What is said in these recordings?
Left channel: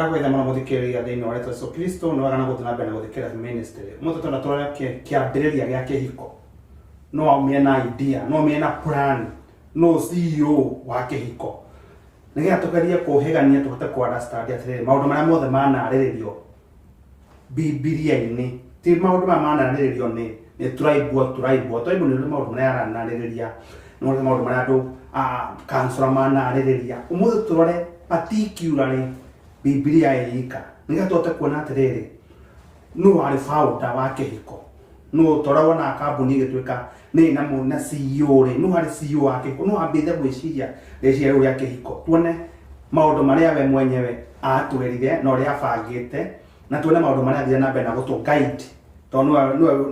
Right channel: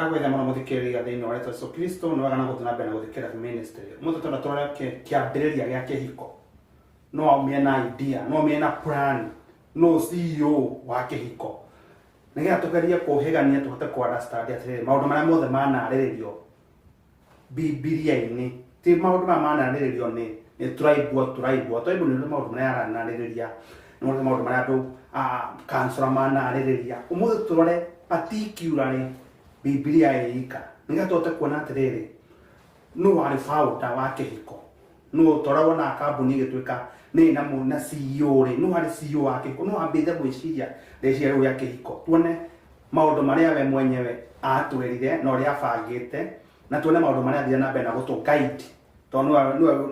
ndagwetha mũno mũthikĩrĩria thĩinĩ wa Yesu Kristo nĩ wagana gũthiĩ na mbere gũthikĩrĩria ministry mũtũ tondũ tũrĩa kĩambĩrĩria gĩa kĩhiko no ũmĩe na idea no ũmĩe na plan no CEO wa kĩhiko nĩgetha tũgerie kũhĩgania tũhote kũ understand atĩrĩrĩ maũndũ marĩa mothe manarĩrĩrio Biblia-inĩ ti maũndũ marĩa manarĩrĩrio nĩ tribe nĩ maũndũ marĩa aranarĩrĩria nĩ maũndũ marĩa andũ counselor manarĩrĩria ũmũthĩ tũrore particularly Biblia ĩika nĩgetha tũhote kuona atĩrĩrĩ nũ warĩ founder wa kĩhiko nũ tũra wona kambuni ĩgĩtuĩka nĩ na CEO rĩ nũ warĩ CEO wa kĩhiko nũ ambĩte gwĩciria rĩciria rĩu rĩa kĩhiko tuone maũndũ marĩa we mwenyewe atwĩrire na ũrĩa abangĩte na tuone maũndũ marĩa athire na mbere na gũtũ guide tondũ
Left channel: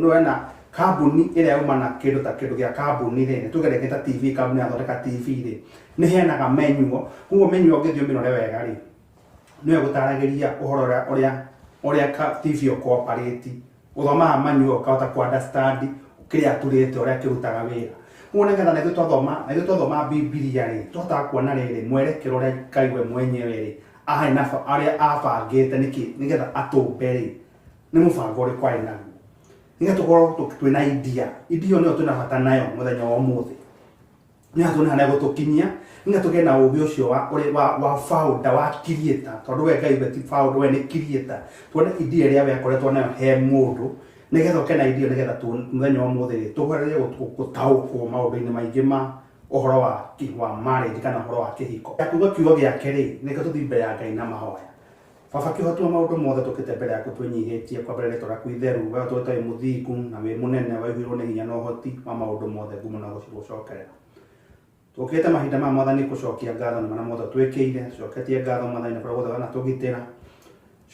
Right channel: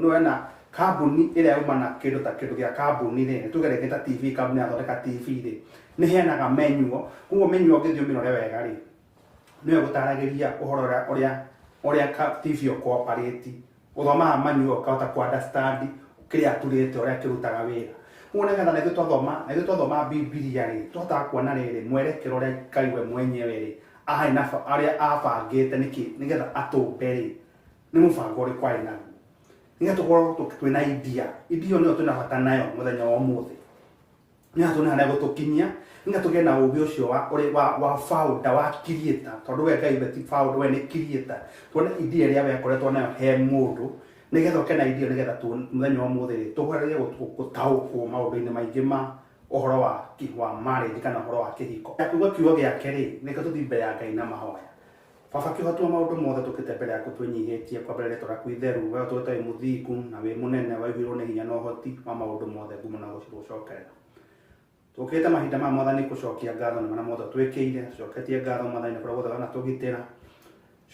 nĩ na kambuni ĩrĩa yuma na kĩndũ ta kĩndũ gĩa kambuni rĩ tugereketa TV kambuni athondeka TV rĩ nĩ heanaga menu koguo menu ũngĩthiĩ ũmĩrore wega rĩ nĩwe gũtaragĩria ũhoro ũrĩa TV ũkooperate ũthomaga menu ũkahota ku understand kĩrĩa atũrĩte ũrĩa kĩrutaga wĩra koguo nĩgetha nĩthuĩ twathoma Biblia rĩ tũhotaga kuona rĩrĩ mwerekero ũrĩa Ngai we mwenyewe rĩ arĩa abangĩte nĩgetha atũmbe rĩ nĩ mũbango ũrĩkũ arĩ naguo nĩgetha tũkorwo twĩna idea nĩyo twĩna bata nayo mũthenya wa ũmũthĩ nĩgetha tuone harĩa gũtũkinyia nĩgetha tũgĩe na ũũgĩ ũcio wa founder wa creator tondũ we Ngai we ti founder we nĩ creator tuone idea ĩrĩa we akoretwo nayo he mũndũ nĩgetha ũkena idea nĩgetha mũthenya wa ũmũthĩ tũgerie gũtaũkwo maũndũ-inĩ maingĩ ma ũhoro wa marriage kana ũhoro wa kĩhiko akuga kiugo gĩake rĩ nĩkĩo tũthiĩ mbere ya Ngai na mahoya baba kĩhotua maũndũ mothe tũkĩte mbere yaku twĩnyihĩtie kwa mbere rĩtwa rĩaku itheru we tũtarĩ mũthingu na wĩ mũnene waihũirwo nĩ hinya na ũhoti wa maũndũ mothe ngumo na gũcokerera tũkĩte mahinda ma Mwathani gũcokia ngatho na marĩa mothe twĩkĩire coketie ngatho Mwathani nĩ kũrĩa gũthana tũgitĩra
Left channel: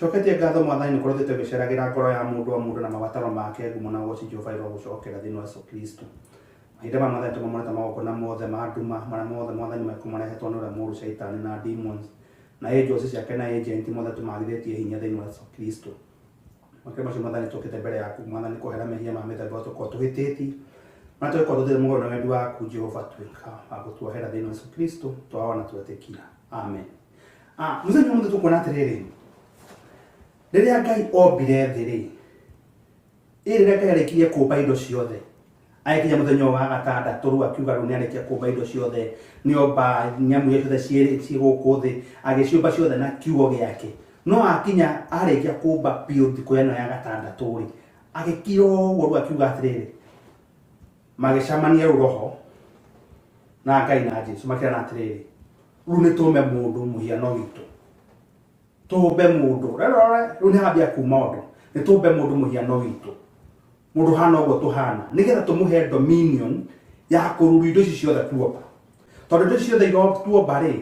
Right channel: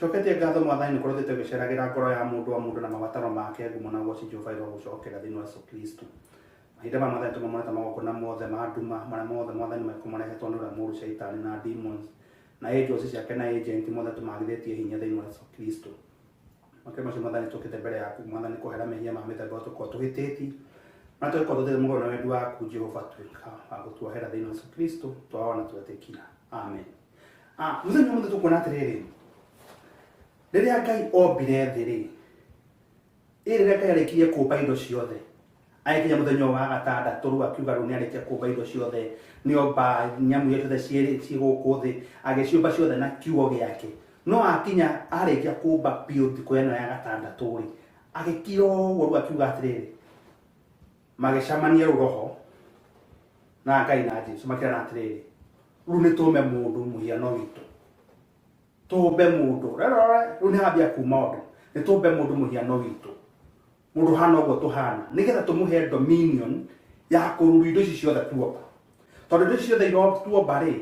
coketie ngatho Mwathani nĩ kũrĩa tũgĩceragĩra ngoro ya mũndũ na mabataro make ngumo na Jehova gũcokera thĩinĩ wa Yesu Kristo mahinda ma Mwathani tũmamũrĩte magongona mothe ma nduma marĩa mothe Mwathani marehetwo nĩ ũrĩa mũũru Shaitani na demons na angels ciake na agent mothe tũmathithĩtie hinya thĩinĩ wa Yesu Kristo makĩria macio Mwathani tũkĩte mbere yaku Mwathani kũhera mehia ma mĩthemba tũkorwo tũhĩtĩtie na tũkorwo tũthiĩ mũgũro na wendi waku Jehova tuĩka wa gũtuohera thĩinĩ wa Yesu Kristo twaona twetĩkia amen mũthenya ũmũthĩ tũkuona atĩrĩrĩ rĩrĩa Ngai ombire thĩ rĩ rĩrĩa Ngai arĩkirie kũmba indo ciothe agĩkinya mũthenya wa gatandatũ rĩu akiuga rĩu nĩarĩkia kũmba indo ciothe nĩomba nyamũ iria ciothe ciĩ gũkũ thĩ agĩciũmba ciothe na kiugo gĩake no akinya arĩkia kũmba biũ thikũ ĩno ya gatandatũ rĩ agĩkira ũguo rĩu akiuga atĩrĩrĩ magĩcamania rĩu roho na Ngai na Jesũ makĩrana atĩrĩrĩ rĩu nĩtũmbe mũndũ mũhiano witũ tũmbe mũndũ rĩu nĩhambia kuma ũndũ nĩtũmbe mũndũ mũhiano witũ mũndũ hana ũguo tũhana nĩgetha tũmũhe dominion ya kũruru indo ici ciothe tuomba tondũ indo ici ciothe tuomba rĩ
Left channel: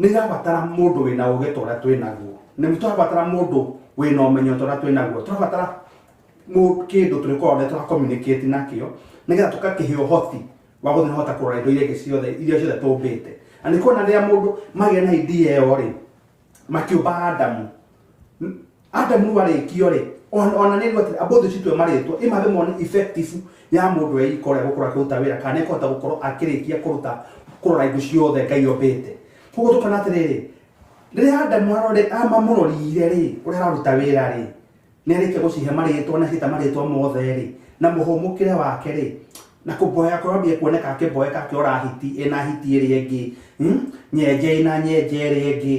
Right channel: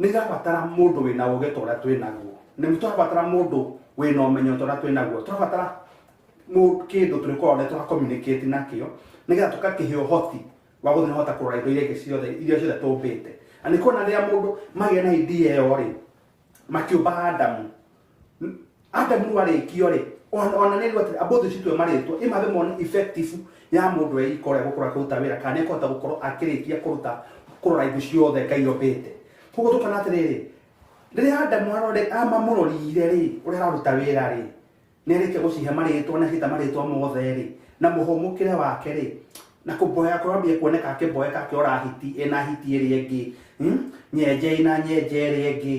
nĩirabatara mũndũ wĩna ũũgĩ ta ũrĩa twĩnaguo nĩtũrabatara mũndũ wĩna ũmenyo ta ũrĩa twĩnaguo tũrabatara kĩndũ tũrĩkorwo tũra communicate nakĩo nĩgetha tũgakĩhe ũhoti wa gũthiĩ hota kũrora indo iria ciothe tũmbĩte na nĩ kuona rĩrĩa mũndũ magĩa na idea ĩyo rĩ makĩũmba Adamu warĩkio rĩ ona nĩ atĩ abothe citwe marĩtwo imathe mone effective ya mũndũ eikore gũkora kũruta wĩra kana ekota gũkorwo akĩrĩkia kũrora indo ciothe Ngai ombĩte koguo tũkona atĩrĩrĩ rĩrĩa Adamu amamũrorire rĩ ũrĩa araruta wĩra rĩ nĩarĩkia gũcihe marĩtwa na cita marĩtwa mothe rĩ na mũhũmũkĩre wake rĩ na kũboya kwambia kuoneka akĩboeka akĩora hiti ena hiti ĩrĩa ĩngĩ nyenje ina nyenje ĩrĩa ĩngĩ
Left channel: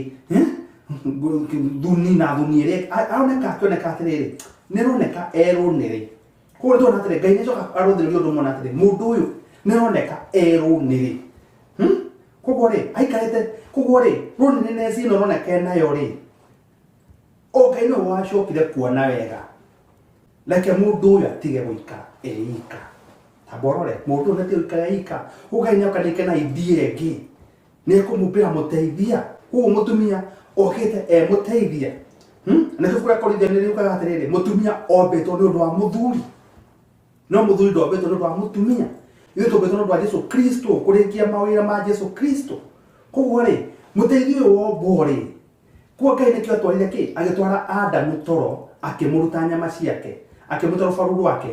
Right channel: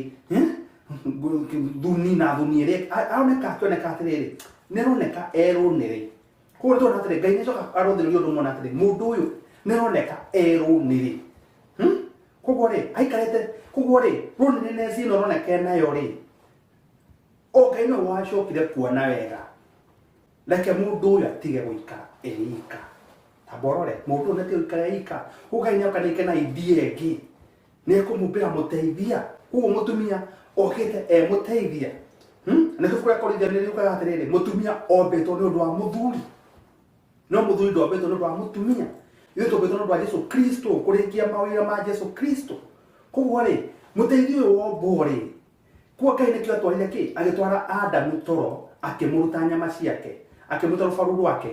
thuni na thuni ĩrĩa aroneka akĩoneka atĩrĩrĩ nĩroneka erũnĩrĩ koguo nĩtũrona atĩrĩ Ngai nĩacoka arũthĩrĩria ũndũ mwana atĩrĩ mũndũ ũyũ nĩroneka erũnĩrĩ koguo rĩ aikarĩte koguo rĩ rũnĩrĩ neci ĩno roneka enayo rĩ Ngai no wacokire kuona wega reke mũndũ ũyũ atige gũikara eika taborore mũndũ ũyũ atige gũikara eika Ngai nĩokanĩke na idea ĩngĩ nĩekũmũmbĩra mũteithia koguo mũtumia okĩte mũteithia nĩkĩo kũrĩa Korintho nĩriugaga atĩrĩrĩ mũtumia ombĩtwo nĩ ũndũ wa mũthuri no mũthuri ndombĩtwo nĩ ũndũ wa mũtumia ithuĩ tũmbĩtwo nĩ ũndũ wa Jesũ Kristo kũrĩkia mawĩra ma Jesũ Kristo koguo rĩ mũteithia ũyũ wombwo rĩ koguo Ngai nĩkĩo atwarire kĩ agĩtwara Adamu toro akĩmũruta nyama ciake akĩmũta rũbaru rwake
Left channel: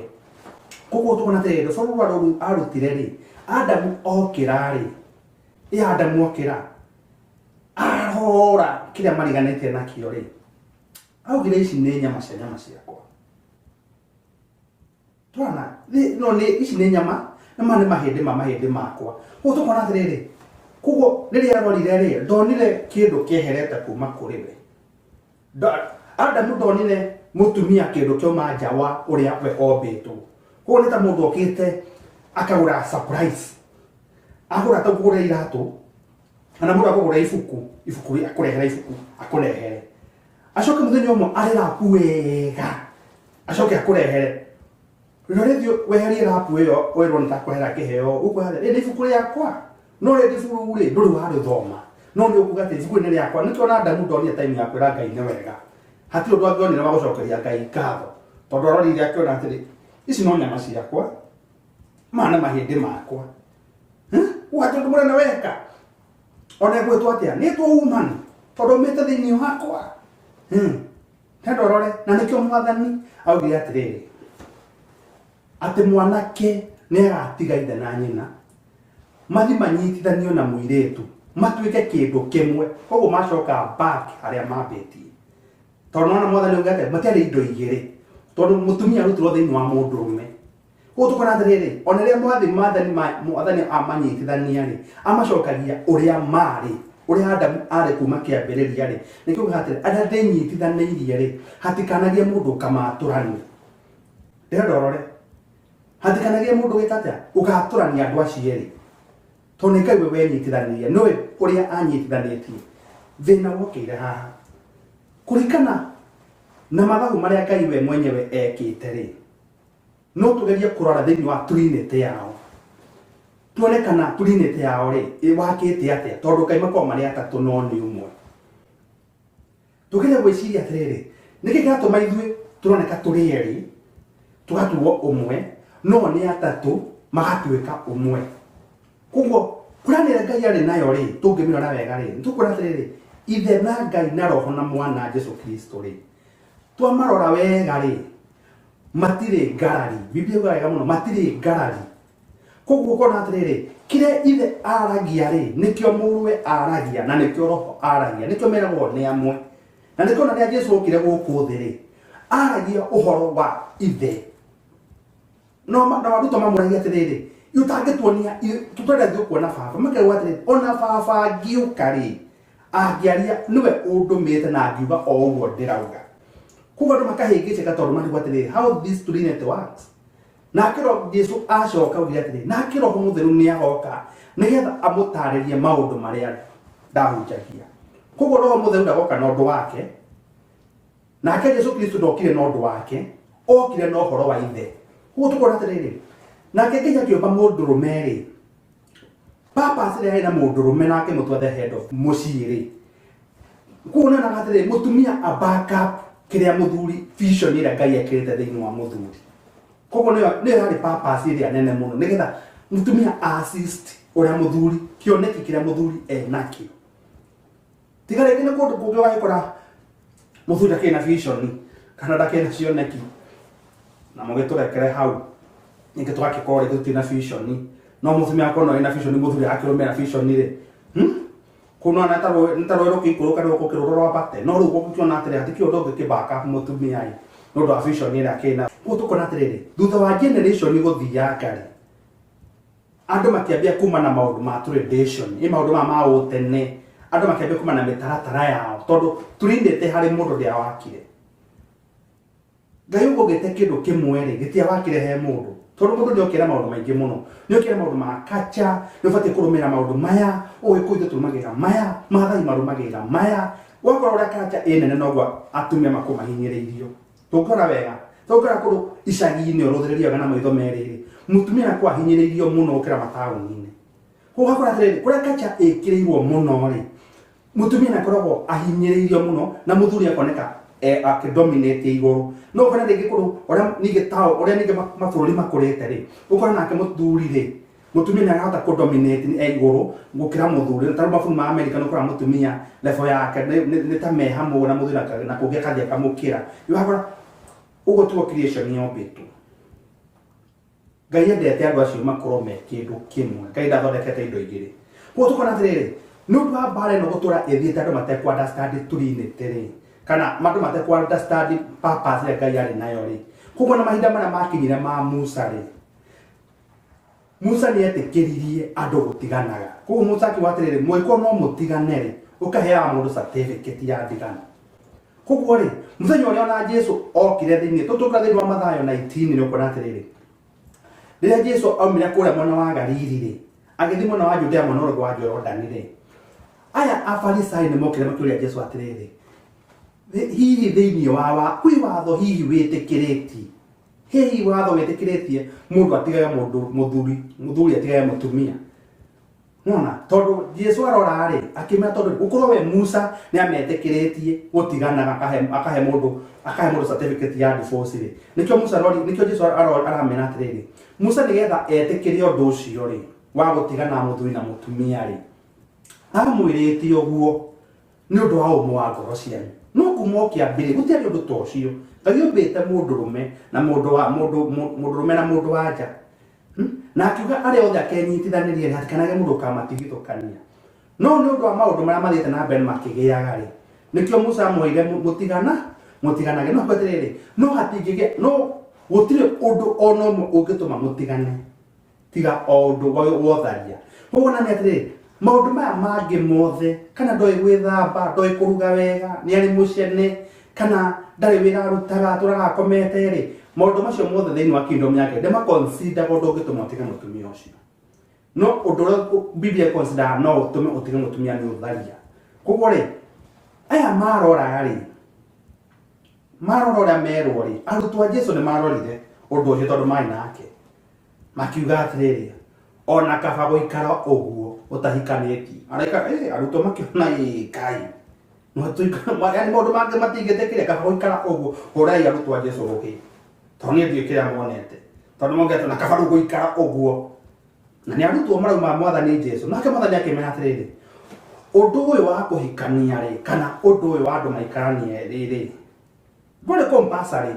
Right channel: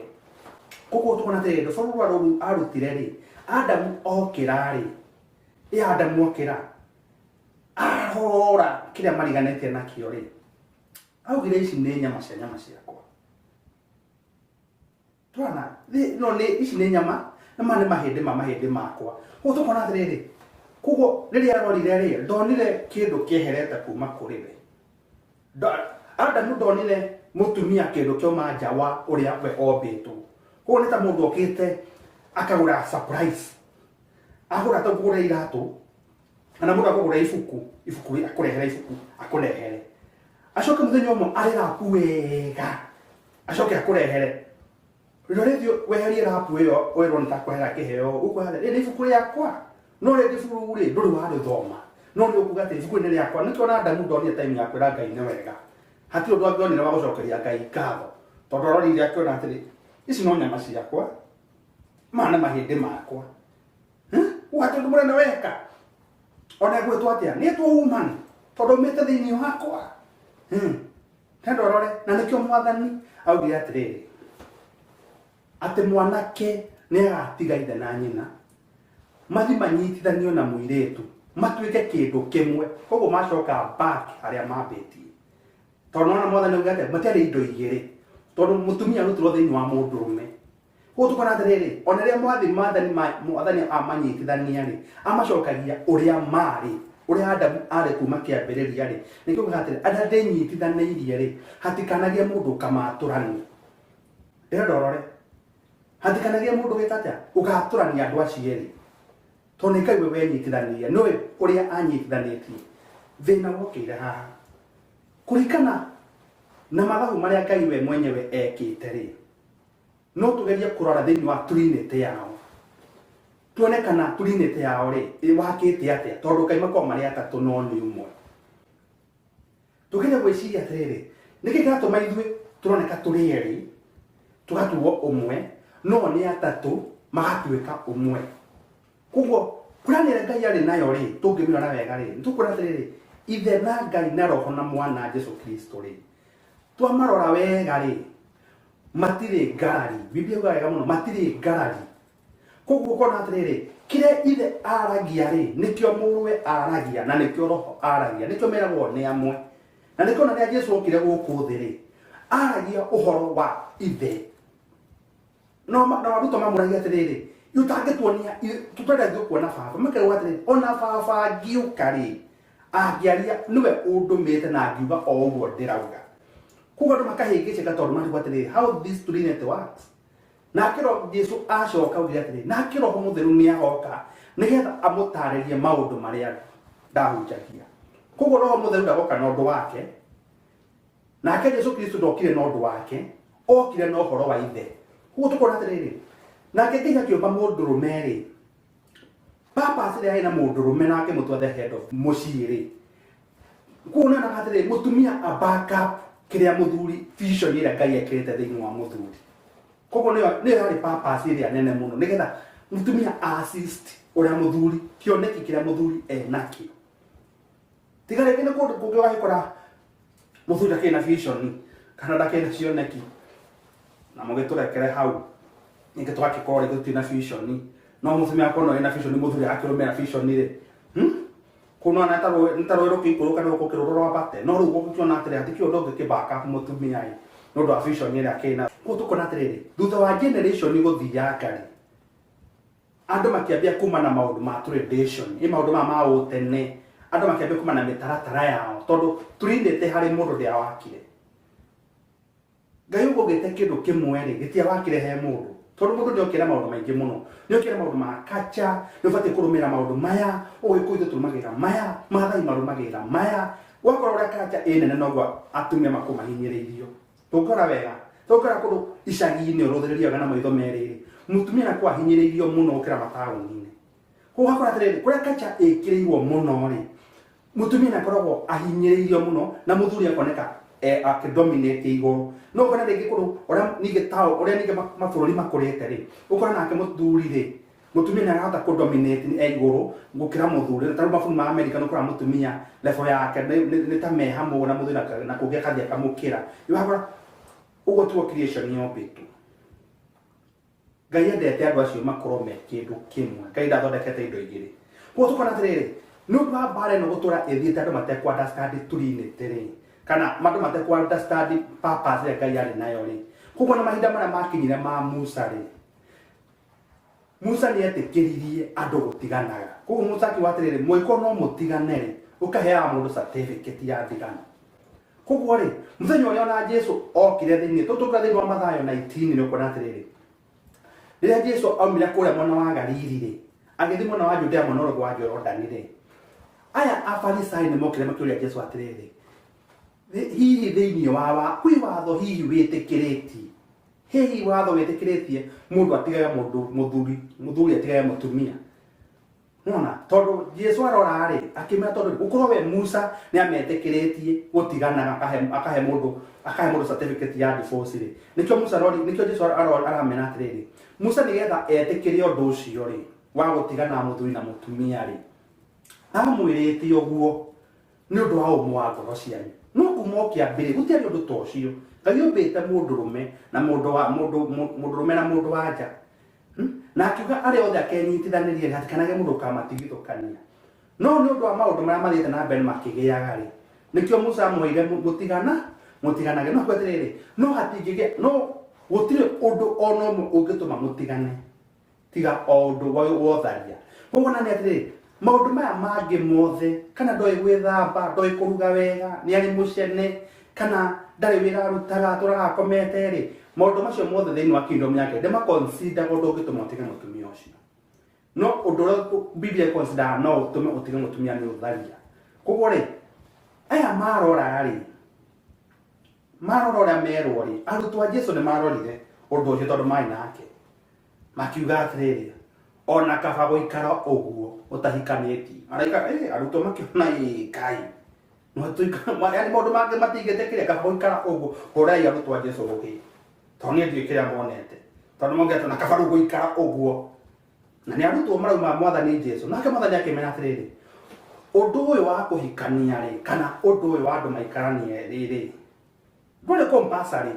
koguo tũkona atĩrĩrĩ rũbaru rũu arutire rĩ Adamu okĩra rĩ Adamu okĩra ahora kile mariganete nakio ri augire ici nĩ nyama ciakwa twana no nĩ ici nĩ nyama na mane mahĩndĩ makwa ũtũkona atĩrĩrĩ kugo rĩrĩa arorire rĩ ndonire kĩndũ kĩeherete kuma kũrĩ we Adamu ndonire mũtumia kĩndũ kĩoma nja wa ũrĩa we ombĩtwo kugo nĩ ta mũndũ okĩte akagũra surprise agũra ta kũgũra iratũ kana mũndũ akũgũra ibuku akũrehera ibuku akũrehere acoke mũthenya ũmwe arĩrapu wega acoke akũrehere rĩrĩa weherie rapu ĩyo wĩrwo nĩ takũrehera kĩheo ũkwĩra rĩ ibuku rĩakwa no rĩ ibuku rĩ ndũrĩ warĩthoma no nĩ ũkuga atĩ ibuku nĩ rĩakwa nĩkĩo na Adamu ndonire time ya kwĩra Ngai nĩ wega hatirĩ ũndũ angĩonire wa gũcokeria Ngai ngatho tondũ arorire akĩona atĩrĩ ici no nyama ciakwa mana mahĩndĩ makwa watũ ndũ mũnene weka ona gwĩtwo atĩa nĩ twaumani tondũ mĩte thĩinĩ wakwa ndorore na nĩkĩo Mwathani augire atĩrĩrĩ atĩ mwanake nĩ agatiga ithe na nyina mathi manyitithanio na mũirĩtu matuĩke kĩndũ kĩmwe koguo macoka back arĩa mambĩtie tondũ ona Mwathani augire atĩ matiarĩ indo igĩrĩ tondũ mũtumia arutirwo thĩinĩ wa mũndũrũme koguo tũkona atĩrĩrĩ ona rĩrĩa Mwathani amanyitithania rĩ amacokagia ũrĩa marĩ ũrĩa Adamu arĩ kuma kĩambĩrĩria rĩ nĩkĩo atĩrĩ arĩa ndĩnyitithanĩirie rĩ hatikanagie mũndũ kamatũrani ndorore hatikanagie mũndũ gĩtatĩa ũgatũrania andũ acio erĩ tondũ nĩ Ngai we wenyitithanirie nĩwe ũrĩa anyitithanĩtie thĩna wokĩire haha kũringana na mathabu marĩa Ngai we mwenyewe ekĩte rĩ no tũgerie kũrora thĩinĩ wa trinity yao tuone kana trinity yao rĩ ĩwakĩte atĩa tondũ Ngai makorwo marĩ atatũ no nĩ ũmwe tũgerie gwĩciria atĩrĩrĩ nĩkĩ kĩratũma ithuĩ tũroneka tũrĩ erĩ tũgatuo ũmwe no nĩ atatũ magatuĩka ũmwe koguo kũranĩre Ngai arĩ nayo rĩ tũngĩmĩrora wega rĩ nĩtũkwĩra atĩrĩrĩ ithe na Ngai na roho na mwana Jesu Kristo rĩ twamarora wega rĩ matirĩ ngarari Biblia yuga wega mũno matirĩ ngarari koguo kona atĩrĩrĩ kĩrĩa ithe aragia rĩ nĩkĩo mũrũwe aragia na nĩkĩo roho aragia nĩkĩo meragwo nĩ amwe na nĩkĩo na rĩrĩa Jesu okire gũkũ thĩ rĩ aragia ũhoro wa ithe no maruto mamũragia atĩrĩrĩ utangĩtuonia tũtarĩ kuona baba makerwo atĩrĩrĩ ona baba ngiũka rĩ angĩaria nĩwe ũndũmĩte na angiuga o ũguo ndĩrauga kuga andũ makahĩngĩcĩka tondũ marigwo atĩrĩrĩ how this trinity works na kĩro Jesu acoka augire atĩrĩrĩ na kĩro mũtheru nĩ agoka nĩgetha amũtarĩrie maũndũ marĩa ndahunjagia koguo roho mũtheru ndagoka na ũndũ wake nake Jesu Kristo ndokire na ũndũ wake okire na ũhoro wa ithe koguo tũkona atĩrĩrĩ nake Ngai akĩũmba mũndũrũme rĩ purpose ĩrĩa hena mũndũrũme nake mũtwe the head of mũciĩ rĩ kuona na atĩrĩrĩ mũtumia a backup kĩrĩa mũthuri vision ĩrĩa Ngai ekĩrĩte thĩinĩ wa mũthuri koguo nĩyo yarĩ purpose ĩrĩa nene mũno nĩgetha mũtumia assist ũrĩa mũthuri kĩoneki kĩrĩa mũthuri enakĩo tiga rĩngĩ nĩ kũndũ kũngĩ wagĩkora mũthuri akĩrĩ na vision kana ndakĩrĩ na cioneki na mũgĩtũrekere hau ningĩ tũgagĩkorwo rĩngĩ tũtirĩ na vision no mũtumia akorwo na vision mũthuri akĩrũmĩrĩra vision rĩ kuna na ntarwo rũkĩikũrũka rũkĩrũrwo rwa bate no rĩu gũkĩona atĩrĩ hatikĩ ũndũ ũngĩkĩbaka mũtumia rĩ nĩ ũndũ wa vision ĩrĩa akĩna koguo tũkona atĩrĩrĩ thutha wa generation gũthianga rĩ andũ makĩambia kuma na maũndũ ma tradition maũndũ ma ũtene andũ makĩambia kuma na mĩtaratara yao tondũ tũrindĩte harĩ mũndũ ũrĩa wakire Ngai ũgũgĩte kĩndũ kĩmwe rĩ gĩtiawakire he mũndũ tondũ mũndũ nĩokĩra maũndũ maingĩ mũno nĩokĩra maũndũ ma kacha nĩũbatiĩ kũrũmĩrĩra maũndũ maya ũgĩkũithũ tũrũmagĩrĩra maya maathai marũmagĩrĩra maya wakorwo ũrĩa kacha ĩnene noguo atumia makũmahinyĩrĩirio tũkora wega tũkora kũndũ icagi-inĩ ũrũthĩrĩria wega na maitho merĩ rĩ mũtumia nakuo ahinyĩrĩirio mũno gũkĩra mataũni-inĩ koguo wakora atĩrĩrĩ kũrĩa kacha ĩkĩrĩirwo mũno rĩ mũtumia nakoragwo ahinyĩrĩirio mũno na mũthuri akoneka akĩdominate igũrũ no ũkona rĩngĩ kũndũ ũrĩa ningĩ mabũrũri makũrĩte rĩ ũkona nake mũthuri rĩ mũtumia nĩarahota kũdominate igũrũ gũkĩra mũthuri tarĩ mabũrũri ma Amerika nĩũkora mũtumia level yake nĩ ta me hamwe na mũthuri na kũngĩ akathi akamũkĩra ũgakora ũguo tuo creation yombĩtwo Ngai endete andũ acio makorwo me kĩndũ kĩmwe Ngai ndathondekete indo igĩrĩ koguo tũkona atĩrĩrĩ no ba bare no gutura ethiete andu matekwa understand turinite ri kana mandu matekwa understand purpose ya Ngai ari nayo ri kuko na mahinda mara makinyire ma Musa ri Musa ni etikiririe andu gutiganaga kuko Musa akiwatirire mwiko no mutigane ri ukahea mundu certificate ya ndigano kuko ri muthenya uria na Jesu okire thiini tutuka thiini wa Mathayo 19 ni ukona atiriri riria Jesu aumire kuria mwana wa Galili ri agithi mwana wa Judea mwana wa Jordan ri aya afarisai ni mokire makiuria Jesu atiriri hihi thiini wa kwi watho hihi witikiriti hihi watho witikiritie mundu atigaye mundu muthuri atigaye mutumia nona tondu Jesu arora ri akimera tondu ukorwo we Musa ni ametikiritie gutigana akahe mundu certificate ya divorce ri nikyo Musa rori nikyo Jesu aramena atiriri Musa nigetha etikirie undu ucio ri wa gutigana muthuri na mutumia ri amwirite uguo ni undu wa umwe wa ngoro cianyu no kumokia mbere gutiari undu ta ucio Ngai ombite mundurume na mundurume na mundu wanja na akiuga ari othe akenyitithanirie hatikanage mundu kamatigithukania no ni undu wa maundu maria mathiete na mbere makigiaga ri nikio Musa amwire mutiganage no kweterere no hatingige no gutire undu ono ungituma mutigane tiga undu wotharia kuona ni atire maundu maya mangi mothe kana ndoi gwithamba ndoi kuruga wega ni ari mucene kana ndari wira rutaga turaga komete ri maundu macio mothe thiini wa kingdom yake ndema consider undu ungituma utige mutumia ucio no undu Biblia consider no utume utige mutumia ni utharia kuko ri aya marora uria merwo ri arutwo a Jesu ni marorire undu ucio tondu mai nake makiuga atiriri ona kaba guikara uguo utahikaniti araika arutwo makiona Kai no tuika yani maundu mangi matingitikire kaba guikara uguo urai arutwo a Jesu ruki tondu ni ndikira monete tondu mongete na kaba guikara uguo na ni arutwo marauma mwathani Jesu nake mwathani akimenya atiriri undu uyu wa kuhikania ri kana undu uyu wa andu maikaranie riri nduri compulsory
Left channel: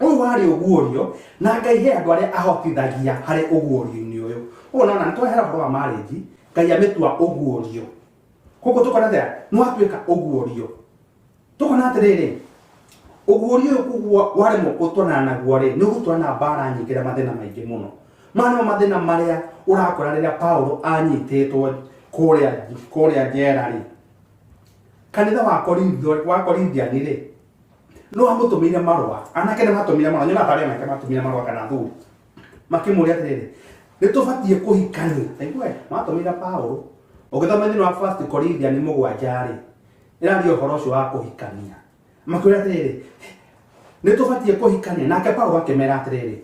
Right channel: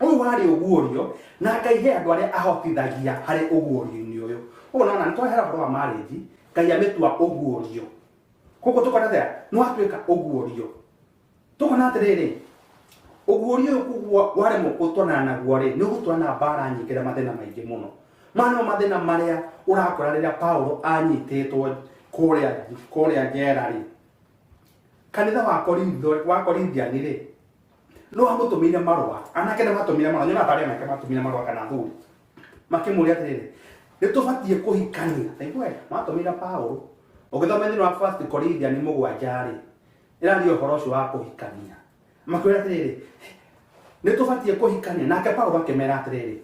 uyu wari uguurio na Ngai he andu aria ahotithagia hari uguurio-ini uyu unaona ntwahera horo wa marriage Ngai ametua uguurio kuko tukona thea no atuika uguurio tukona atiriri uguurio kuwa wari mukutwana naguo ri ni gutwana bara nyingira mathina maingi muno mano mathina maria urakora riria Paulo anyititwo kuria njera ri kanitha wa Korindiani ri no amutumire marua anake ne matumire marua nyina tare make matumire marua kana thuri makimuria atiriri nitubatie kuhikania aigwe matumire Paulo ugithoma thini wa 1 Corinthians 7 ri irario uhoro ucio wa kuhikania makiuria atiriri nitubatie kuhikania nake Paulo akimera atiriri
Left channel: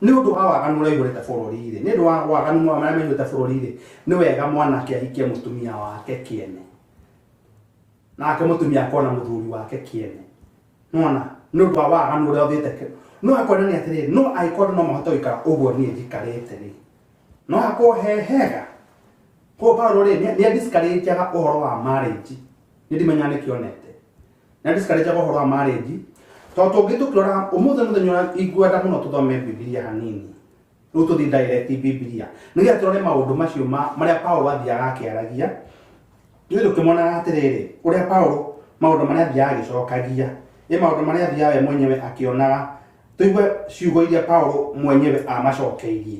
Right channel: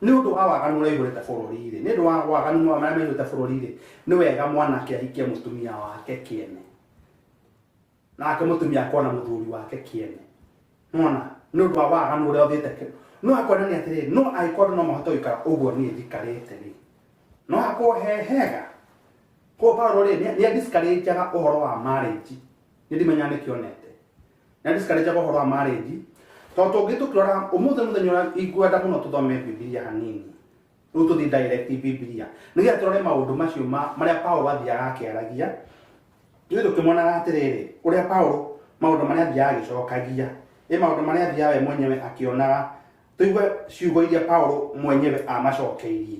ni undu wa waganu uria igurite bururi ri ni undu wa waganu maria menyute bururi ri ni wega mwanake ahikie mutumia wake kiene nake mutumia akona muthuri wake kiene nona no ba wa anu ro thite no akona ni atiriri no aikona no mahoto ikara uguo ni thikarite ri no akohehega ko Paulo ri ni discourage aga uhoro wa marriage ni ndimenya ni kionete ni discourage aga uhoro wa marriage to gitukira umuthe muthenya igwenda muno tuthome Biblia hanini no tuthi direct Biblia niga turore maundu macio maria Paulo athiaga akiaragia ni tukimona atiriri uria Paulo maundu maria athiaga agicokagia maundu maria athiaga we mwenyewe akionaga tuigwe ciugo iria Paulo mwenyewe amacokeirie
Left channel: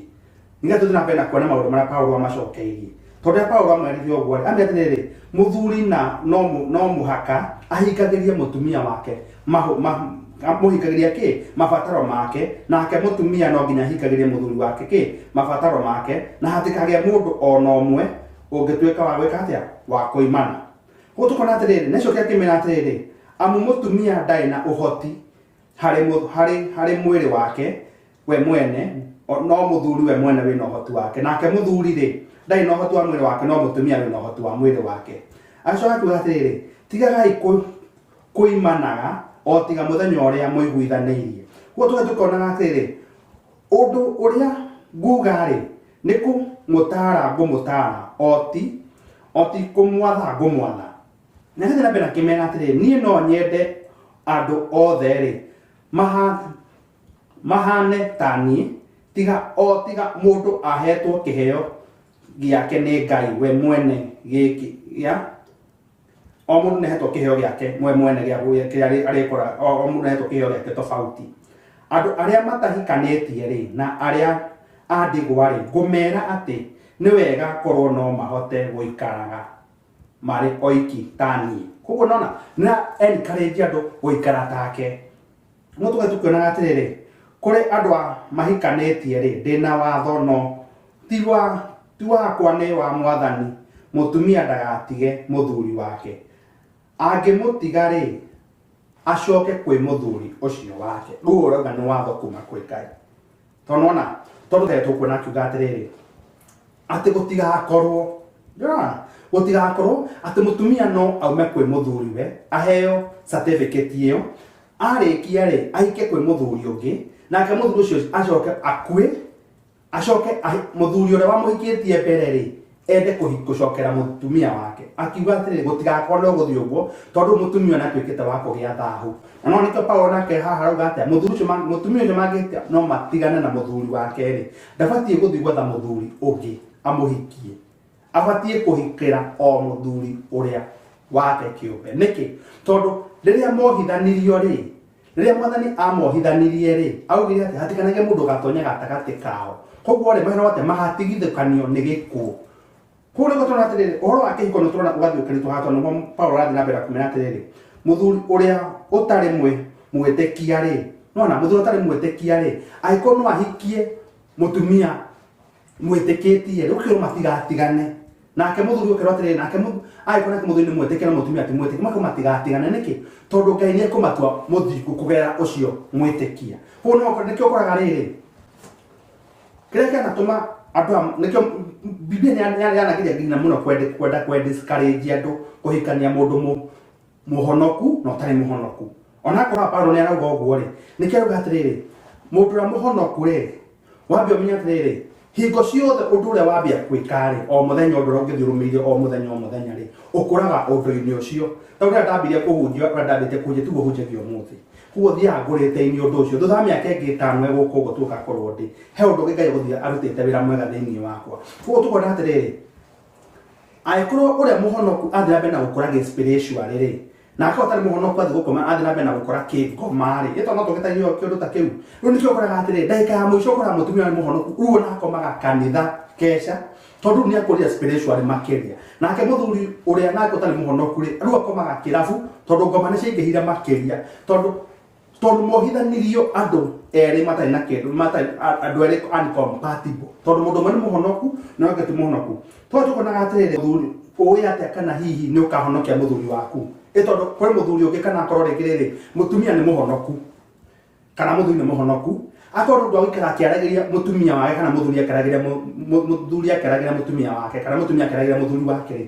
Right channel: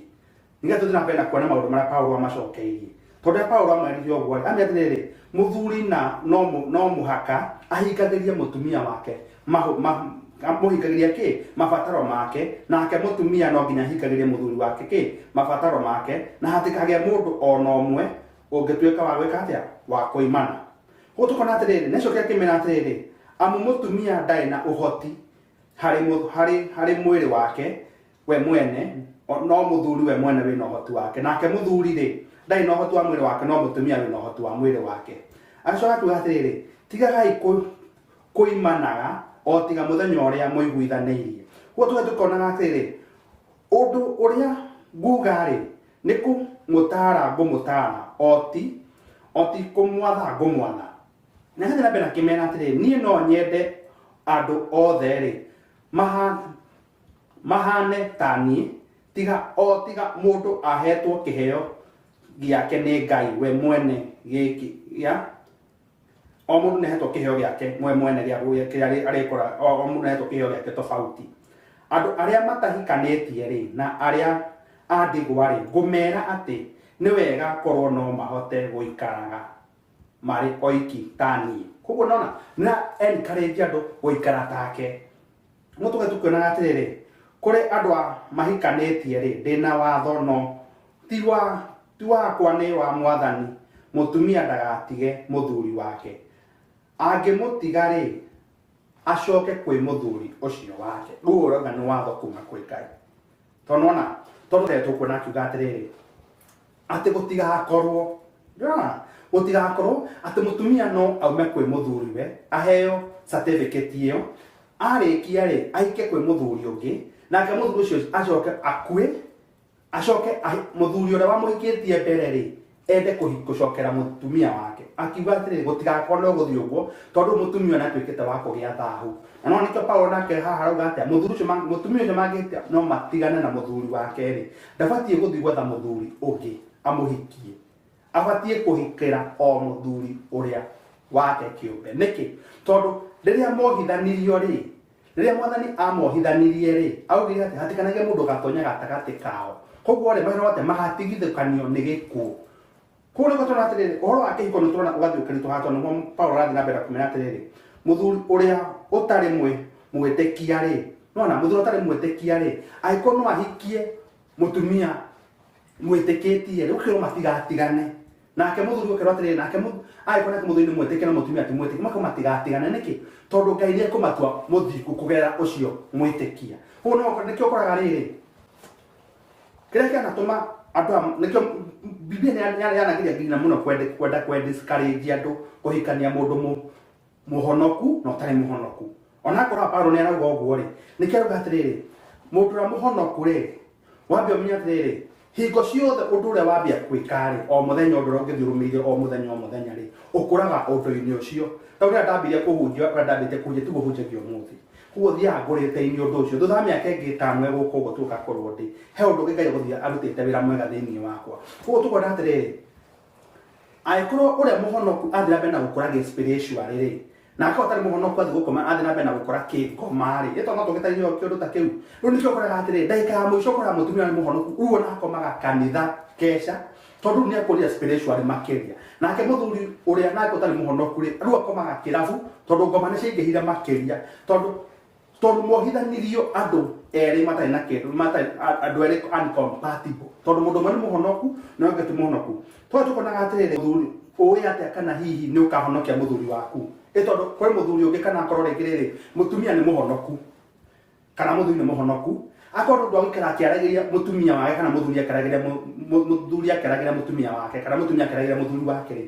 niga tuthina kuona maundu maria Paulo amacokeirie tondu Paulo amwerire uguo ametiriri muthuri na no muhaka ahikagirie mutumia wake muhikagiria ki mabataro make nake mutumia no nginya hikagirie muthuri wake ki mabataro make na hatikage mundu ona umwe ungituika wa gwika atia wa kuimana gutukona atiriri neco kia kimena atiriri amu mutumia ndai na uhoti hari mwiri wake we mwene no muthuri we mwene wina uhoti wake nake muthuri ri ndai na uhoti wa mwiri wake no mutumia wina uhoti wa mwiri wake acoka kuga atiriri tigagai kuimanaga o tiga muthenya uria muiguithanirie guo tukona atiriri undu uria nguga ri niku mutara ngumutara oti kumwatha ngumwatha na hĩndĩ na mbere kimena atiriri niĩ no nyende andu othe ri mahane tani tiga mundu ahetwo kiheo giake nĩ Ngai we mwene gĩkĩ ya o mũndũ nĩhetwo kĩheo gĩake mwe mwene gĩa kĩrĩa arĩkora o mũndũ nĩhetwo kĩheo gĩake tofauti andũ arĩa matahikanĩtie rĩ na arĩa a ndigwa rĩ ngũmera atĩ nĩ wega korwo no mahote gũikaraga marĩ oiki tani koguo nona na encourage andũ gũikara take no tũgatukwĩnaga atĩrĩrĩ kũrĩ andũ a mahikanĩtie rĩ ndĩna watho no ti wakwa nĩ wa Mwathani mũtumia ndagatige mũthuri wake angĩmũtiga rĩ acoke kwĩ mũthuri ũcio wake rĩu ũrauga nĩ watho kuma kwĩ Ngai tonona tondũ tũkwĩna akiuga atĩrĩrĩ atĩ gũtigakorwo atĩ mũtumia no aume kwĩ mũthuri we aheo certificate ĩyo arĩkia rĩ aike kwĩ mũthuri ũngĩ nake mũthuri ũcio acoke akue acoke mũthuri ũrĩa wamũhikĩtie mbere rĩ ende kũhikũcokera mũtumia wake akiuga atĩrĩrĩ gũtigakorwo gũthiĩ ũguo tondũ mũtumia nĩ atuĩkĩte wa kũgĩa thaahu na no nĩkĩo Paulo nake haha arauga atĩa mũtumia ũcio mangĩtia no matigane na mũthuri wake rĩ ndabatiĩ gũthiĩ gwetha mũthuri ũngĩ amũhikie abatiĩ kũhikĩra o mũthuri ũrĩa wake kĩũmbe nĩkĩ tondũ rĩrĩa mohithanirio rĩ rĩrĩa Mwathani amohithanirie rĩ augire atĩ hatikanage mũndũ gatonya gatagatĩ kao koguo rĩ mahero atĩ mahatigithũkanio nĩ gĩkuũ kũrĩ gũtũra atĩrĩrĩ ũhoro wa kĩhiko nĩ tũrona ũgathiũkĩrĩtwo haha tondũ nĩguo Paulo arathiĩ na mbere kũmenya atĩrĩrĩ mũthuri ũrĩa ũtarĩ mwĩtĩkia rĩ nona mũthuri ũtarĩ mwĩtĩkia rĩ angĩkorwo no ahikie mũtumia mwĩtĩkĩtie rĩu kĩro matigatigane nake mũthuri ũkĩrwo atĩrĩrĩ nake angĩkorwo nake mũthuri nĩ mwĩtĩkia na mũtumia ti mwĩtĩkia makao matigatigane nĩkĩ tondũ Ngai nĩ ekũmatua mũthingu kũgerera ũcio mwĩtĩkia koguo nĩkĩo ũkoraga rĩrĩ kĩrĩa kĩanatũma andũ nĩkĩo Biblia yanagiria nginya mũno kwenda discourage andũ kũhikania mũndũ mũhonoku na ũtarĩ mũhonoku ona akorwo Paulo nĩ arauga ũguo rĩ nĩkĩo arauga atĩrĩrĩ mũndũ ũrĩa mũhonoku rĩ wambia ũmenye atĩrĩrĩ hingo ciothe ũndũ ũrĩa wambia gwĩka rĩ o mũthenya ũndũ ũrĩa ũngĩthiĩ o mũthenya rĩ ũkũraga ũndũ-inĩ ũcio ta ũrĩa ndambirie kũhunjia ũrĩa ndambĩte kũhunjia tiguo hunjagia ũmũthĩ koguo thiaga ngũrĩte-inĩ ũndũ ũcio thutha wa mĩaka ĩngĩ ĩtano egũka ũguo tũgakorwo ndĩ he ũndũ ũngĩ Ngai gũthiĩ arutĩte wĩra mwega thĩinĩ wakwa koguo tũkwenda atĩrĩrĩ angĩkorwo ũrĩa mũhonoku athiĩ na mbere na gũkũra spiritual rĩ na akorwo atarĩ mũhonoku athiĩ gũkoma athiĩ na mbere na gũkũra kĩngoma rĩ ĩtwa no tũgĩtaithio kĩũndũ ta kĩu rĩu nĩkĩo ũkoraga atĩrĩrĩ ndagĩka ya mũico ũkoraga mũtumia nĩ mũhonoku rĩu ona akomaga kanitha keca tondũ nĩ akũria spiritual makĩria nake mũthuri ũrĩa nake ũtarĩ mũhonoku rĩ rĩu akomaga kĩrabu tondũ ngoma nĩ ciaingĩhire makĩria tondũ mohithanirio andũ erĩ matarĩ na kĩndũ andũ erĩ uncompatible tondũ mũndũ ũmwe nĩ mũhonoku na ũngĩ ti mũhonoku tondũ tũkonaga atĩrĩrĩ mũthuri ũĩ atĩa kana hihi nĩ ũkahonokia mũthuri waku tondũ kũrĩ mũthuri ũngĩ kana akorwo rĩngĩ rĩrĩ mũtumia nĩ mũhonoku kana mũthuri nĩ mũhonoku akorwo ndũ agũikara akĩaragĩria mũtumia wake kana mũthuri akĩaragĩria mũtumia wake kana mũtumia akĩaragĩria mũthuri wake rĩ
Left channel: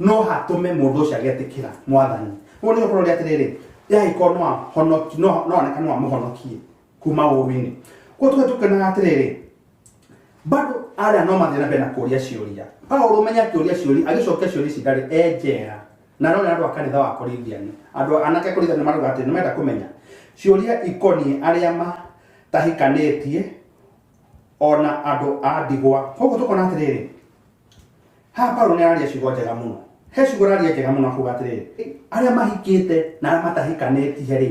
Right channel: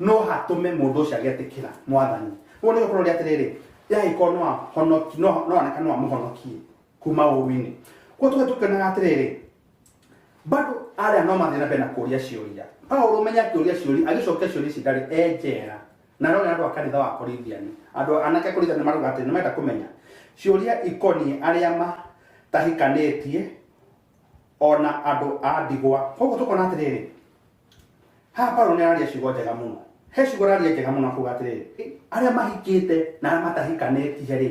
no hatũme mũndũ ũcio agĩtĩkĩra Mwathani ũguo nĩ ũkorwo atĩrĩrĩ yagĩkorwo no ahonoki no oneka no amũhonokie kuma ũru-inĩ koguo tũkenaga atĩrĩrĩ bado arĩa no mathiĩ na mbere na kũũria ciũria Paulo ũmenya akĩũria ciũria agĩcokia ciũria ici ndarĩ enjera na no nĩ andũ a kanitha wa Korithiani andũ anake Korithiani marauga atĩ nĩmenda kũmenya ciũria ikoniĩ arĩa matahikanĩtie ona andũ a ndigwa koguo tũkona atĩrĩrĩ haha Paulo nĩ araria ciugo njega mũno he ciugo araria njega mũno akuga atĩrĩrĩ arĩa mahikĩte na arĩa matahikanĩtie rĩ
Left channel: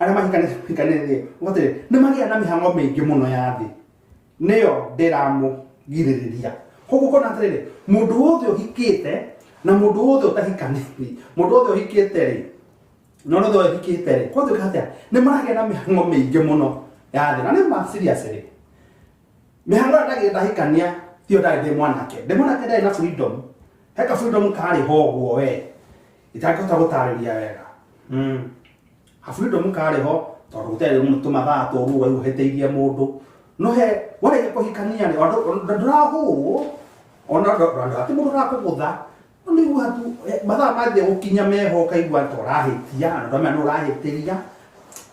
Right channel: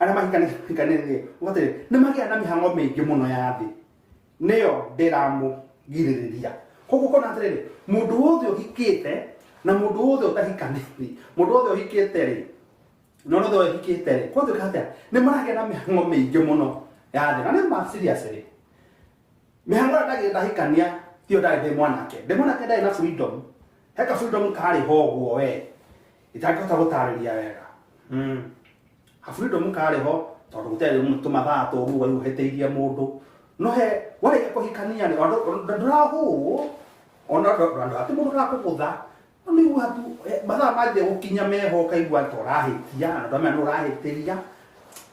arĩa mahikanĩtie atĩrĩrĩ nĩ magĩa na mĩhang'o mĩingĩ mũno ya thĩ nĩyo ndĩramũgirĩrĩria koguo ũkona atĩrĩrĩ mũndũ wothe ũhikĩte na mũndũ wothe ũtahikanĩtie mũndũ wothe ũhikĩte rĩ no wothe ũhikĩte rĩ koguo atĩa nĩ maragĩa na mĩhang'o mĩingĩ mũno ya thĩ na nĩ ma serious rĩ mĩhang'o ĩrĩa ndagĩtahikania tiyo ndarĩ mwanake ndarĩ na freedom heka freedom karĩ ho ũguo we itangĩhota gũtarĩria wega ha freedom karĩ ho tondũ gũtarĩ tũmathaa tũru waiũhĩtĩirie mũndũ no he warĩkia kũhikania ndũrahũrwo ona atĩ mũndũ arakũgũtha nĩ watu mathaa mathĩ gũkinya meho ũkaigua ũrahĩtia na ndamenya nĩ ũrahĩtĩria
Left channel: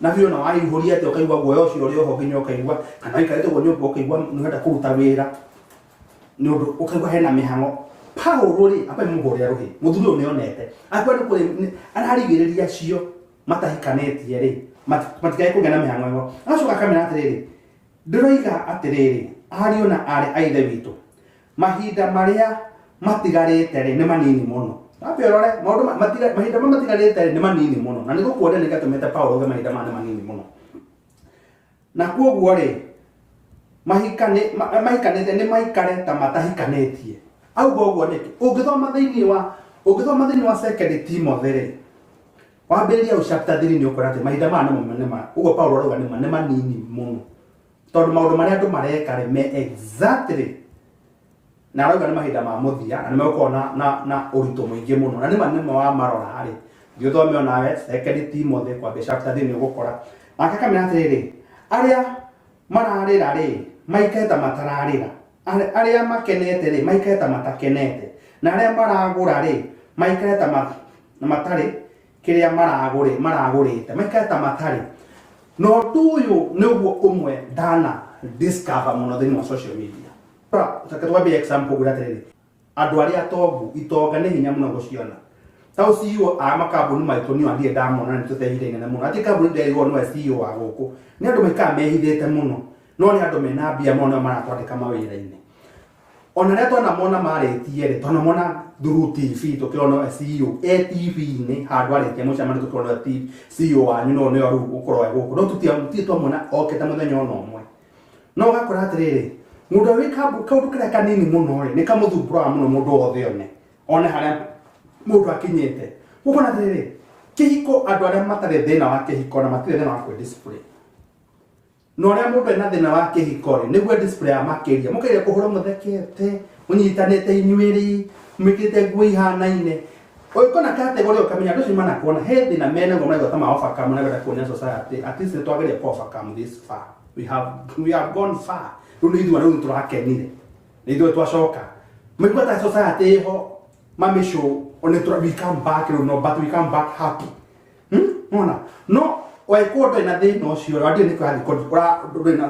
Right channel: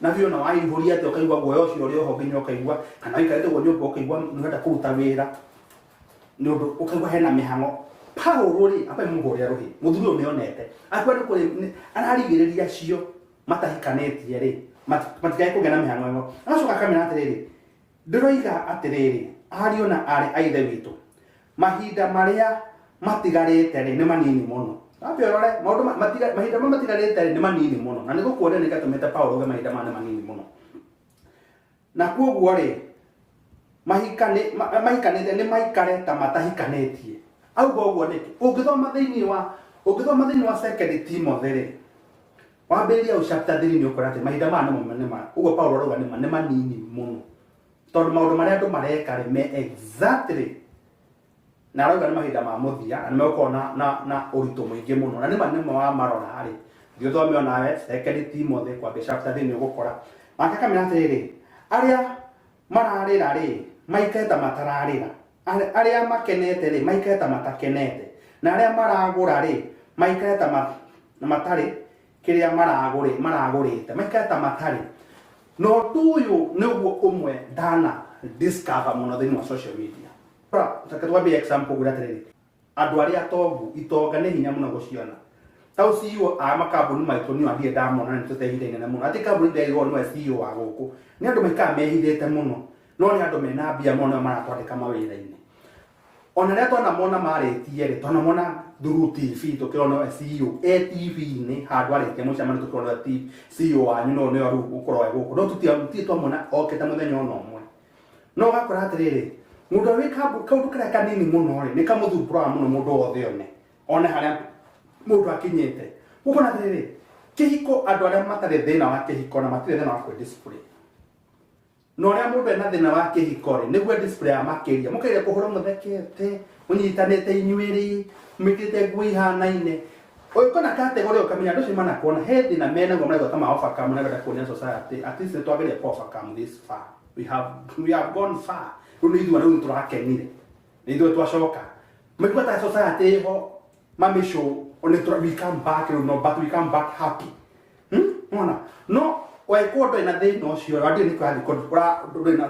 na hiyo na waihũria atĩ ũkaigua guoya ũcio ũrĩ oho nginya ũkaigua kana waikarĩte guo nyũmba ũkaigua nĩũrenda kũruta wĩra nĩ ũndũ ũkaigua hena mĩhang'o Paulo rĩ apa mũhũrĩra rũhĩ mũthuri ũyũ nĩonete akwa nĩ kũrĩ ararigĩrĩria cio matahikanĩtie rĩ matikae kũgĩa na mĩhang'o ĩno agacoka akamera atĩrĩrĩ ndĩroiga atĩrĩrĩ ariũ na arĩ a ithe witũ mahinda maria matigarite ri ni manini muno apiorore maundu mahinda matigarite ri ni manini muno na niguo kuonde ni gatumete Paulo ge mahinda manini muno na kuoguo ri mahikanite ni maikare ta matahikanetie auga uguo niki ungithoma thiini wa 2 Timothy ri wambiria chapter 3 ni ukora ati mahinda ma uguo Paulo arauga ni manini muno tondu maundu maria andu mareka ri me exactly na arauga ni mahinda ma muthia na nimegukona na urito muingi muno na ni manene wa marora hari thio thome onawe 2 Timothy kwa chapter 3 ni ugukora akakamira atiriri aria mararira ri maiketa matararira aria makenete ri maiketa matakenete na aria maragura ri maiketa matari kiria maragurite maiketa matari no tuyu niguo umwe dana discover muno thini wa social media takatwabe example guratiriri andu aria tongu itonga ni hinya muno guciona tau CEO a makambuni maitu ni andie ndamona ni tutehithine na muno ati kambuni ndego no CEO wa guku ni andu maika mehithite muno no ni andu mena mbia muno maratwandika mawira-ini ona ria twana mona maritie ri twana mona through TV tukiona CEO TV ni handu aritie mucamani tukiona CEO wanyu no ni aru ukorwo guku no tuti twamona oketa muthenya ono umwe no gakora atiriri mundu wi kaundu karia kanini muno ri ni kamuthumbura muno mundu othe one haria mundu akinyite ukona atiriri kihiko andu aria matare thina wa kihiko na matire thina wa kwe display no ria mundu ena thina wa kihiko ri niguo display ya makiria mukiria kuhura muthekete munyitanite inyuiri mikite ngui hanaine oikona category ukamenya ndu cimana kuona he thina mena ngomra gota ma offer kama na kuonia society at least twageria offer kama this far we have gone far rundu ithu anu turakenire nithu twacoka migwata society ho mamisho on we come back but we come back happy no waikodo ina thina ucio radio ni kwa ura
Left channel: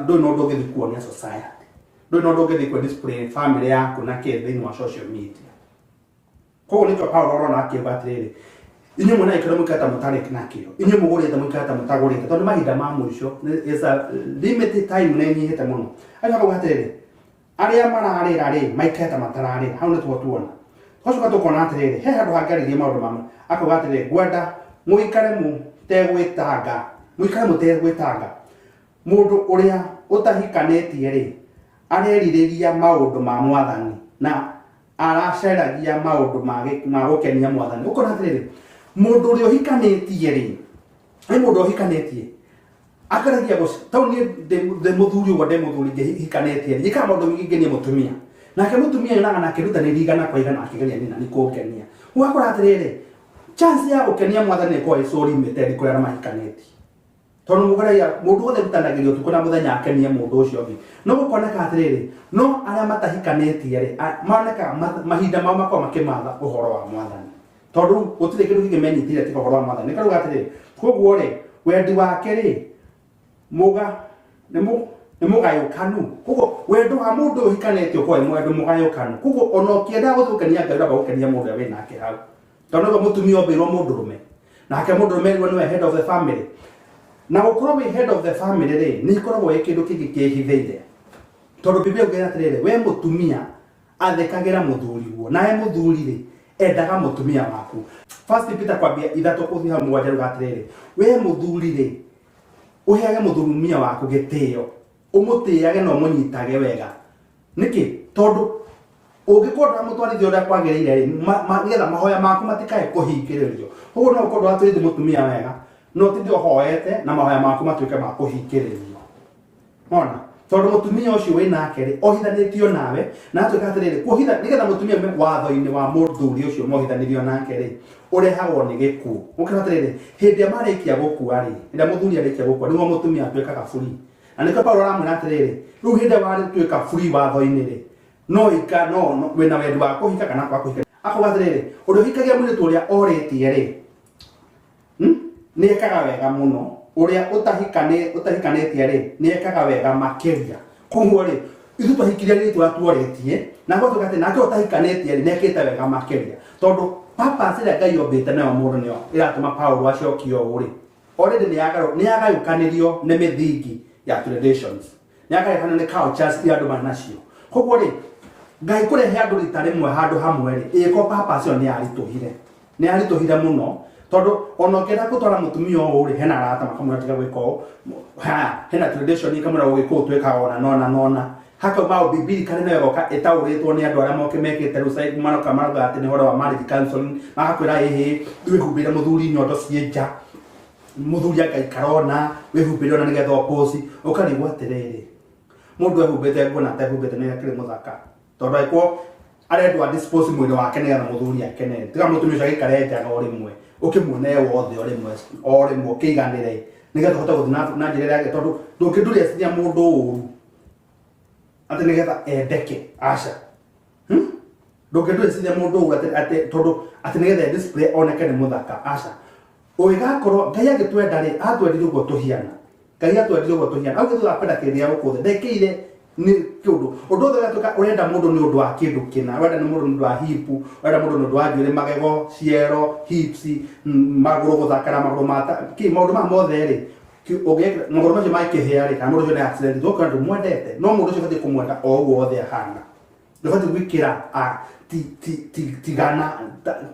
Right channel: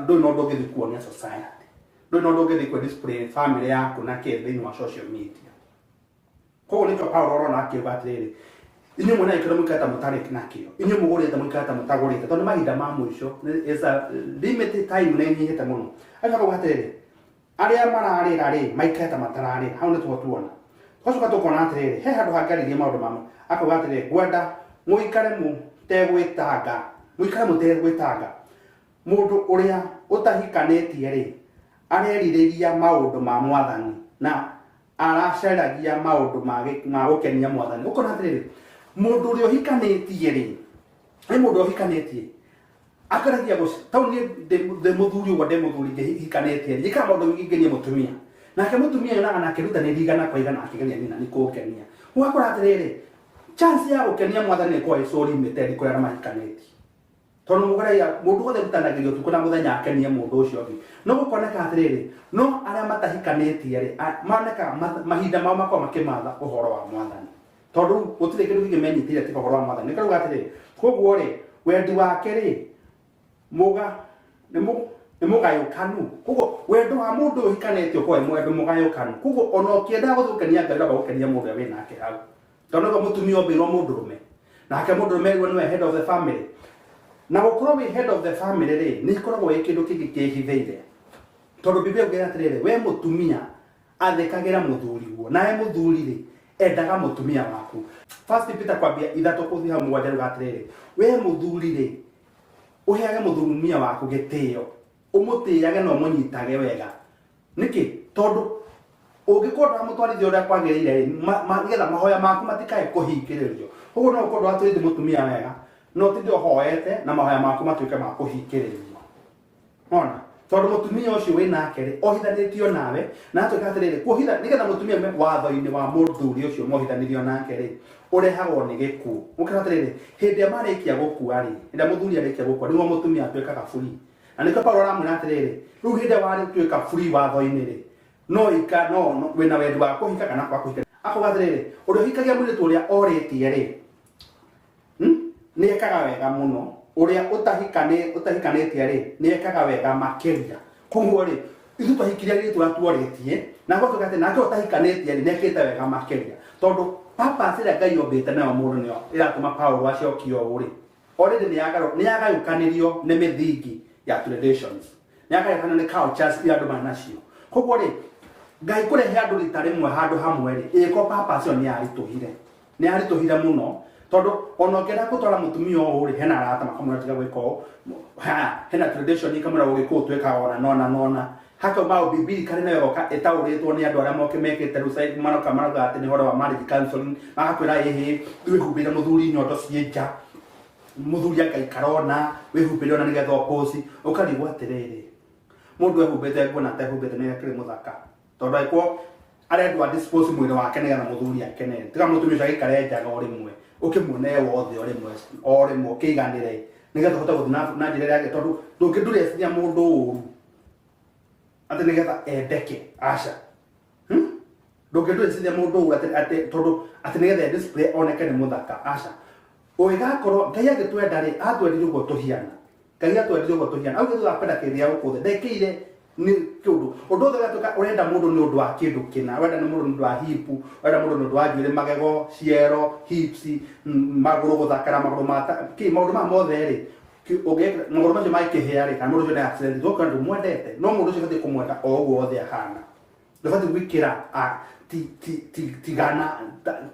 do no doge kuonia society do no doge ku display family yako na ke thini wa social media ko ni ko Paulo rona akibatiriri inyu mwana ikira mukata mutare kinakio inyu mugore ta mukata mutagore tondu mahinda ma mwisho is a limited time ne nyihete muno aka batiriri aria mararira ri maikata matararira hau ni tuona twacoka tukona atiriri he handu hangaririe maundu mama akabatiriri gwenda muikare mu tegwitanga mundu uria utahikanetie ri areririria maundu ma mwathani na araceragia maundu ma gukenia mwathani ukona atiriri mundu uria uhikanetie ri ai mundu uhikanetie akaragia guci tau ni de muthuri ugo de muthuri hikanetie ri ka maundu ngingenia mutumia nake mutumia yona na kiruta ni rigana kwa igana akigeria nina ni kugenia wakora atiriri chance ya gukenia mwathani kwa isori metedi kuria mahikaneti tondu mugaria mundu wothe mutanagirio tukuna muthenya akenia mundu ucio ngi no gukona ka atiriri no aria matahikanetie ri maneka mahinda mao makwa makimatha uhoro wa mwathani tondu gutire kindu kingimenyitire tika uhoro wa mwathani nikaruga atiriri koguo ri wendi wake ri muga ni mugayukanu koguo wendo wa mundu uhikanetio kwa mwendu mugayukanu koguo ona ukienda guthukania ngai ura gukenia mundu we nake hau tondu mutumia ombirwo mundurume nake mundurume niwe head of the family na gukorwo head of the family ri ni ikoragwo ikindu kingi kihithiire tondu Biblia ugira atiriri we mutumia athekagira muthuri guo nae muthuri ri endaga mutumia waku first Peter kwambia 3:7 ruga atiriri we muthuri ri uheage muthurumia waku gitio umutiage no munyitage wega niki tondu ungikorwo mutwarithia uria kwagirire nigetha mahoya maku matikae kuhingiririo uguo no ukorwo atwirithi mutumia wega no tindi hoete na mahoya maku matuike ma kuhingiririo ona tondu mutumia ucio winake ri ohithanitio nawe na atuika atiriri kuhitha nigetha mutumia watho-ini wa muthuri ucio mohithanirio nake ri urehagwo ni gikuo ukira atiriri hindi ya marikia gukua ri nda muthuri arikia gukua niwo mutumia atuikaga free na niko Paulo aramwira atiriri riu hindi wari tuika free watho-ini ri no ika no wena wendi wa kuhika kana kwa kuhika akuga atiriri uria hikagia mwiritu uria oritie ri ni ekaga wega muno uria utahikanetie ri ni ekaga wega makiria koguo ri ithu twahikiria ri twatuoretie na guthuka ati nake utahikanetie ri nekite wega makiria tondu papa sira ngai ombite nayo mundu nio iratuma Paulo acokio uri already ni agayukanirio ni mithingi ya traditions ni agayukanirio ni cultures ya andu manacio koguo ri ngai kurehe andu rita rimwe handu hamwe ri iko papa cio ni arituhire muno tondu ona ngenda gutwara mutumia o ri hena arata makamwira tiga gwika o hena tradition ikamwira ugikuo tweka ona haka bao bibili kare nayo goka etauritwo ni andu aria moke mekite rusai maroka maroga ati ni horo wa marriage counseling magakwira wihumbire muthuri nyondo cienja muthuri akaikarona wihumbire ona nigetha oposi ukarigwo atiriri mundu ehumbite nguo na atehumbite ni akiri muthaka tondu aiko arendwa dispose mwili wake nigetha muthuri akene tiga mutumia ucio agikare njaga o rimwe ukimuone wothe o rimwe ukiiganire nigetha hota guthina na njira yake tondu ndungidureciria mundu uru ati nigetha endeke aca ndungidureciria mundu uru ati tondu ati nigetha display oneke ni muthaka aca ugigakorwo ngai agitwenda ri atwendirie uguo tuhiana ngai atwendirie uguo tuhiana au githu apenda kiria gukuthe ndekire ni kindu undu othe gatuka urenda mundu ni undu wa kindu kina urenda ni mundu ni undu wa hipu urenda mundu ni undu wa njuire magego ciero hips maguru guthakara maguru mata ki maundu ma mothe ri maguru macio makihia ri kana mundu ucio ni accident gukora ndu mwendete no mundu ucio bati kumwenda o uguo othe ahana ndubati gwikira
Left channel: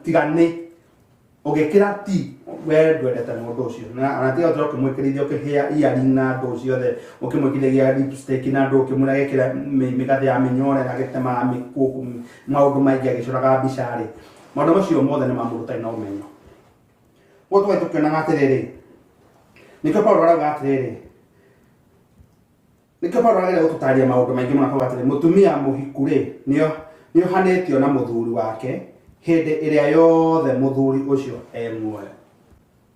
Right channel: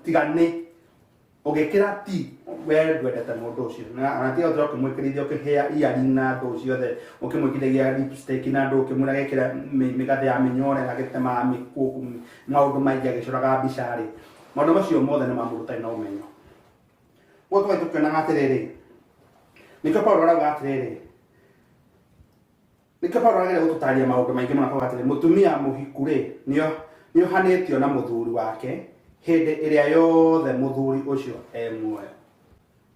tigane ugekira ti we ndwendete mundu ucio na anatia utro kimwikirithia ukihia iarina ndu ciothe ukimwikirithia lipstick na ndu ukimura gekira migathe ya minyore na gitema mikuku maundu maingi agicuraga bicari maundu macio mothe ni mamurutai na umenyo gutwe tukiona atiriri nikyo Paulo arauga atiriri nikyo Paulo aragera gututaria maundu maingi muna kwa atiriri mutumia muhikure nio hanetio na muthuri wake hindi iria yothe muthuri ucio muoyo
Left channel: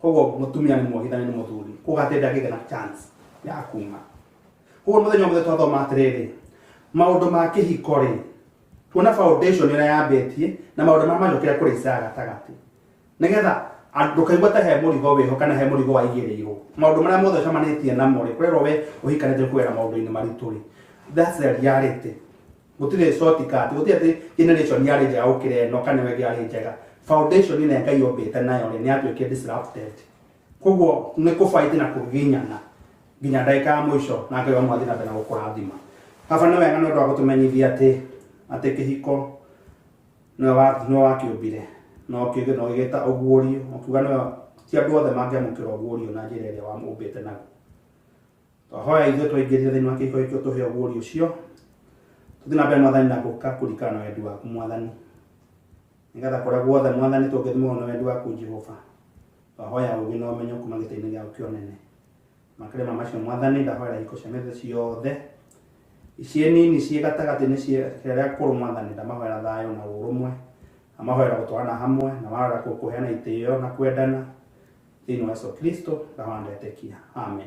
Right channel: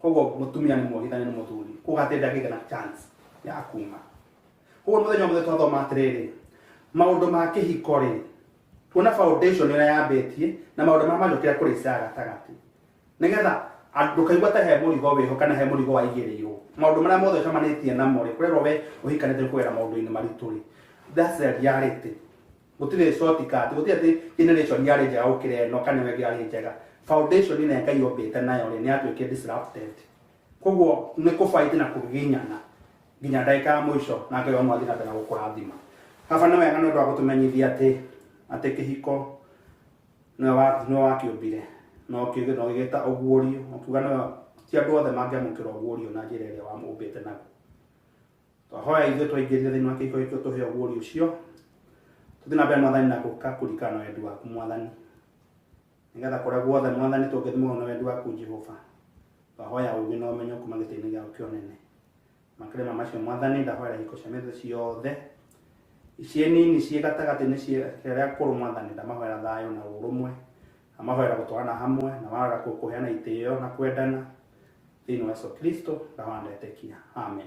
koguo mutumia ni muohithani ni muthuri kugatenda githe na chance ya kuma koguo muthenya mothe twathoma atiriri maundu ma kihiko ri tuona foundation ira yambitie na maundu ma majokira kuri isaga gatagati nigetha ndukaigua ta he murigo wiho kana he murigo waigirirwo maundu maria mothe camanitie namo ri kwirwo we uhikanite kwera maundu-ini maritu ri that's the reality gutire shortcut gutire ati generation yari njega ukire no kana we yari njega foundation ine ngai yombite nayo ri ni atuike disrupted koguo ni ku fight na kuginyana nginya ndaika mwisho na ngai wa mwathi na bena gukurathima kaba na wega no ndo gutumenyithia ati kihiko no wakiumbire no kiuge no gigeta uguorio okuga no ti andu othe mangiamukira uguorio na njira iria wamumbite nayo hoya ithuĩ twaingĩrire thĩinĩ wa kĩhiko gĩkĩ tũhe ũguũrio ũcio tũthiĩ na mbere mwathani na gũka kũringana na wendi waku mwathani nĩgetha kũrĩa guothe mwathani tũngĩthimwo na wendi waku Jehova twahoya ũgĩ na ũmenyo kuma gĩtĩ-inĩ gĩaku kĩonene makĩria macio mwathani ndahoya ihiko cia mĩthĩ ciothe ici nini ciĩ gatagatĩ-inĩ cia kũrũ mwathani ndamahoera thayũ na ũrũmwe amahoera gũtwarana hamwe na mahoera kũheana itĩĩo na kwendana thĩinĩ wa Yesu Kristo ndahoya ndetĩkia amen.